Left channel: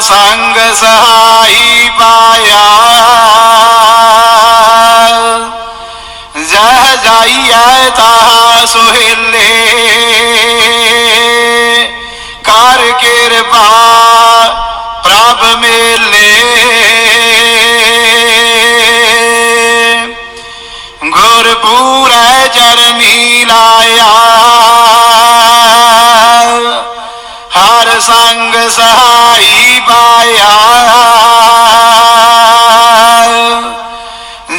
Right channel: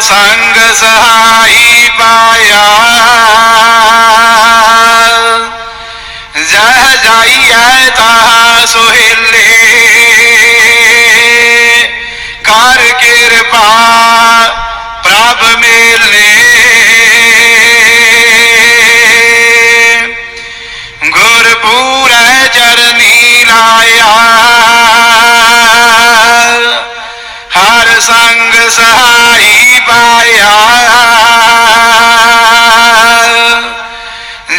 ਹਰ ਸੰਗ ਸਹਾਈ ਪਾਇਆ ਜਹ ਜਾਈਐ ਤਾ ਸੁਹੇਲੇ ਕਰ ਕਿਰਪਾ ਪ੍ਰਭ ਮੇਲੇ ਗੁਰਪੂਰੈ ਚਰਨੀ ਸੰਗ ਸਹਾਈ ਪਾਇਆ।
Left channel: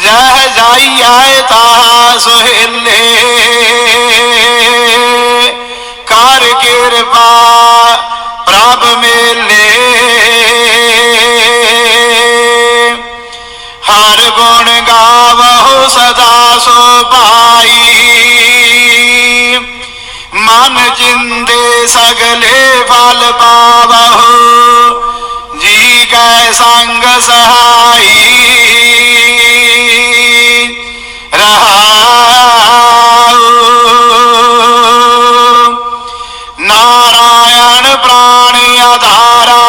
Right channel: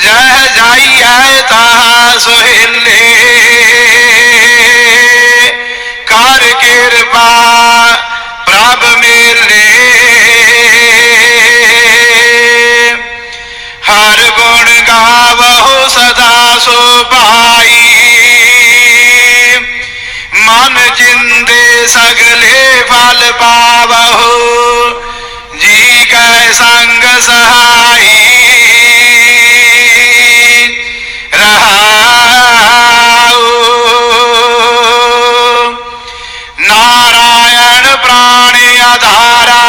ਜਹ ਜਾਈਐ ਤਾ ਸੁਹੇਲੇ ਕਰ ਕਿਰਪਾ ਪ੍ਰਭ ਮੇਲੇ। ਹਰ ਗੁਣ ਗਾਵਹੁ ਸਦਾ ਸੁਭਾਈ सगले फल पावहो जी कै संग सहाई। रहा नारायण प्राण आधारा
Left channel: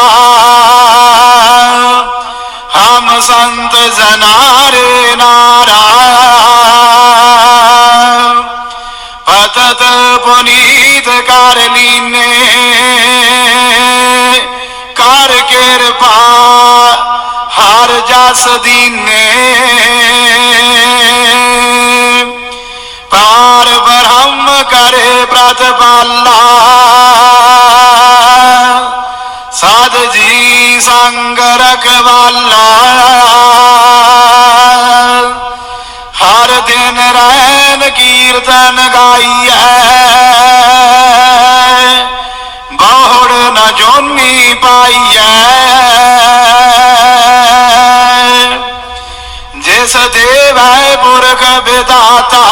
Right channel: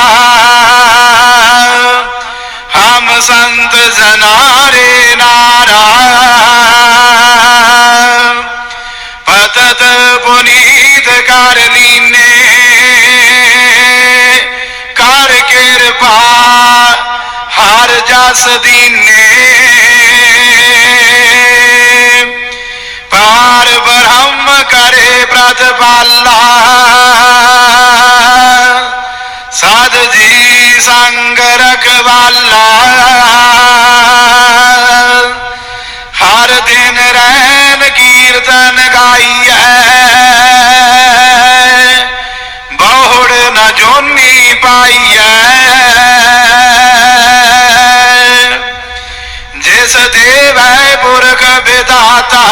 हम संत जना ਹਰ ਜਸ ਪਾਰ ਬ੍ਰਹਮ ਕਰੇ ਪ੍ਰਤਪਾਲਾ ਸਾਧ ਜੀ ਸੰਗ ਰਖਵਾਲਾ। ਹਰ ਦਿਨ ਰਹਿਨ ਕੀਰਤਨ ਗਾਈਐ। ਬਹੁੜ ਨ ਜੋਨੀ ਪਾਈਐ। मुर्ग विदाता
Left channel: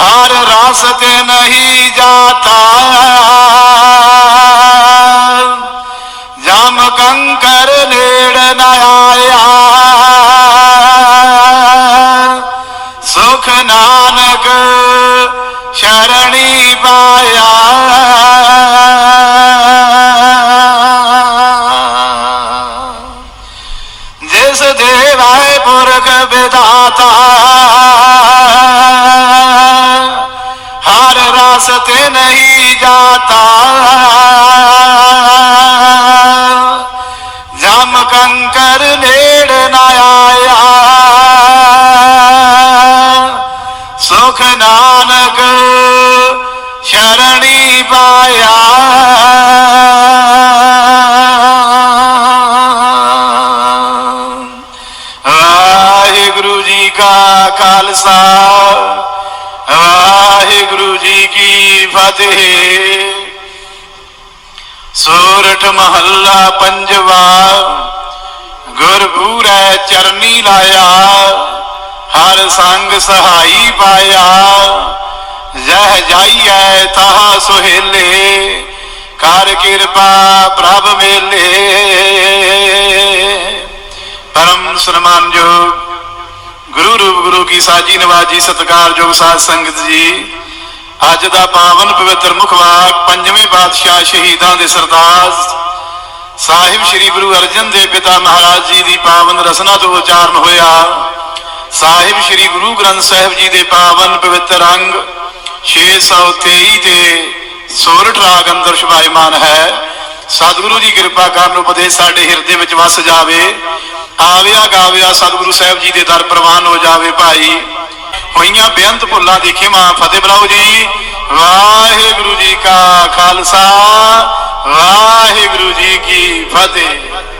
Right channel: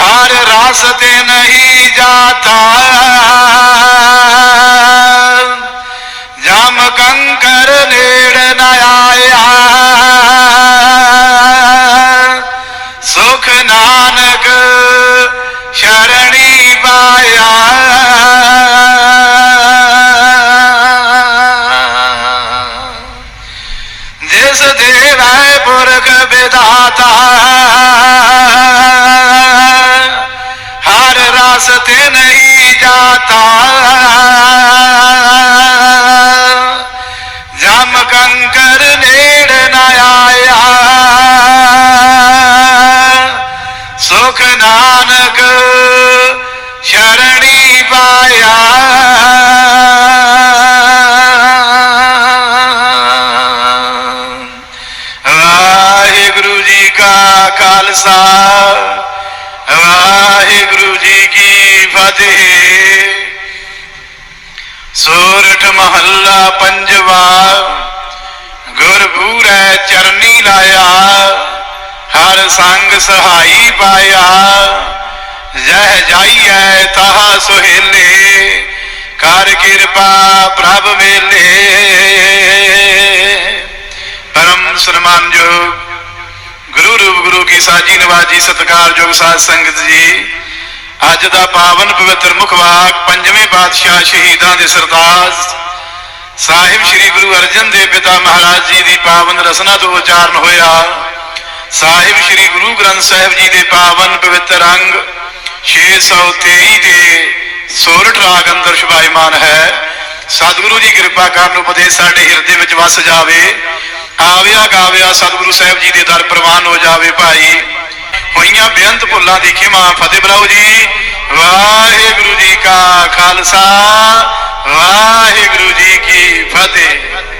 हर रास्ते नहीं जाता। जम कंकर नेड़ नया ਜਮ ਨੇੜ ਨਾ ਆਇਆ। ਸੁਖ ਨਾਨਕ ਸ਼ਰਣੀ ਪਾਇਆ। ਵਾਹਿਗੁਰੂ ਜੀ ਕਾ ਖਾਲਸਾ, ਵਾਹਿਗੁਰੂ ਜੀ ਕੀ ਫਤਿਹ। ਸੋਰਠ ਮਹੱਲਾ ਪੰਜਵਾ ਗੁਰਪੂਰੈ ਚਰਨੀ ਲਾਇਆ, ਹਰ ਸੰਗ ਸਹਾਈ ਪਾਇਆ। ਜਹ ਜਾਈਐ ਤਹ ਸੁਹੇਲੇ ਕਰ ਕਿਰਪਾ ਪ੍ਰਭ ਮੇਲੇ ਪਰਮ ਸਨਮਾਨਯੋਗ ਗੁਰੂ ਰੂਪ ਗੁਰੂ ਕੀ ਸਾਜੀ ਨਵਾਜੀ ਸਤਿਕਾਰਯੋਗ ਸਾਧ ਸੰਗਤ ਜੀ, ਅੱਜ ਦਾ ਪਾਵਨ ਪਵਿੱਤਰ ਮੁਖ ਵਾਕ ਪੰਜਵੇਂ ਪਾਤਸ਼ਾਹ ਸ਼ਹੀਦਾਂ ਦੇ ਸਰਤਾਜ। ਸਾਹਿਬ ਸ੍ਰੀ ਗੁਰੂ ਅਰਜਨ ਦੇਵ ਪਿਤਾ ਮਹਾਰਾਜ ਜੀ ਦੀ ਪਾਵਨ ਰਸਨਾ ਤੋਂ ਉਚਾਰਨ ਹੋਇਆ। ਸਾਹਿਬ ਸ੍ਰੀ ਗੁਰੂ ਗ੍ਰੰਥ ਸਾਹਿਬ ਜੀ ਦੇ ਪਾਵਨ ਪਵਿੱਤਰ ਅੰਗ 623 ਦੇ ਸੋਰਠ ਰਾਗ ਅੰਦਰ ਸ਼ੁਭਾਇਮਾਨ ਹੈ। ਸਤਿਗੁਰੂ ਜੀ ਕਿਰਪਾ ਕਰਨ ਉਪਦੇਸ਼ ਸਾਡੇ ਹਿਰਦੇ ਵਿੱਚ ਵਸ ਜਾਵੇ। ਆਵਿਆ ਗਾਵਿਆ ਸਤਿਗੁਰੂ ਸਾਹਿਬ ਜੀ ਦੇ ਦਰ ਪ੍ਰਵਾਨ ਹੋ ਜਾਵੇ ਭਾਈ। ਹੋਈਆਂ ਬੇਅੰਤ ਭੁੱਲਾਂ ਦੀ ਖਿਮਾ ਫਤਿਹ ਬਲਾਓ ਜੀ। ਵਾਹਿਗੁਰੂ ਜੀ ਕਾ ਖਾਲਸਾ। ਵਾਹਿਗੁਰੂ ਜੀ ਕੀ ਫਤਿਹ।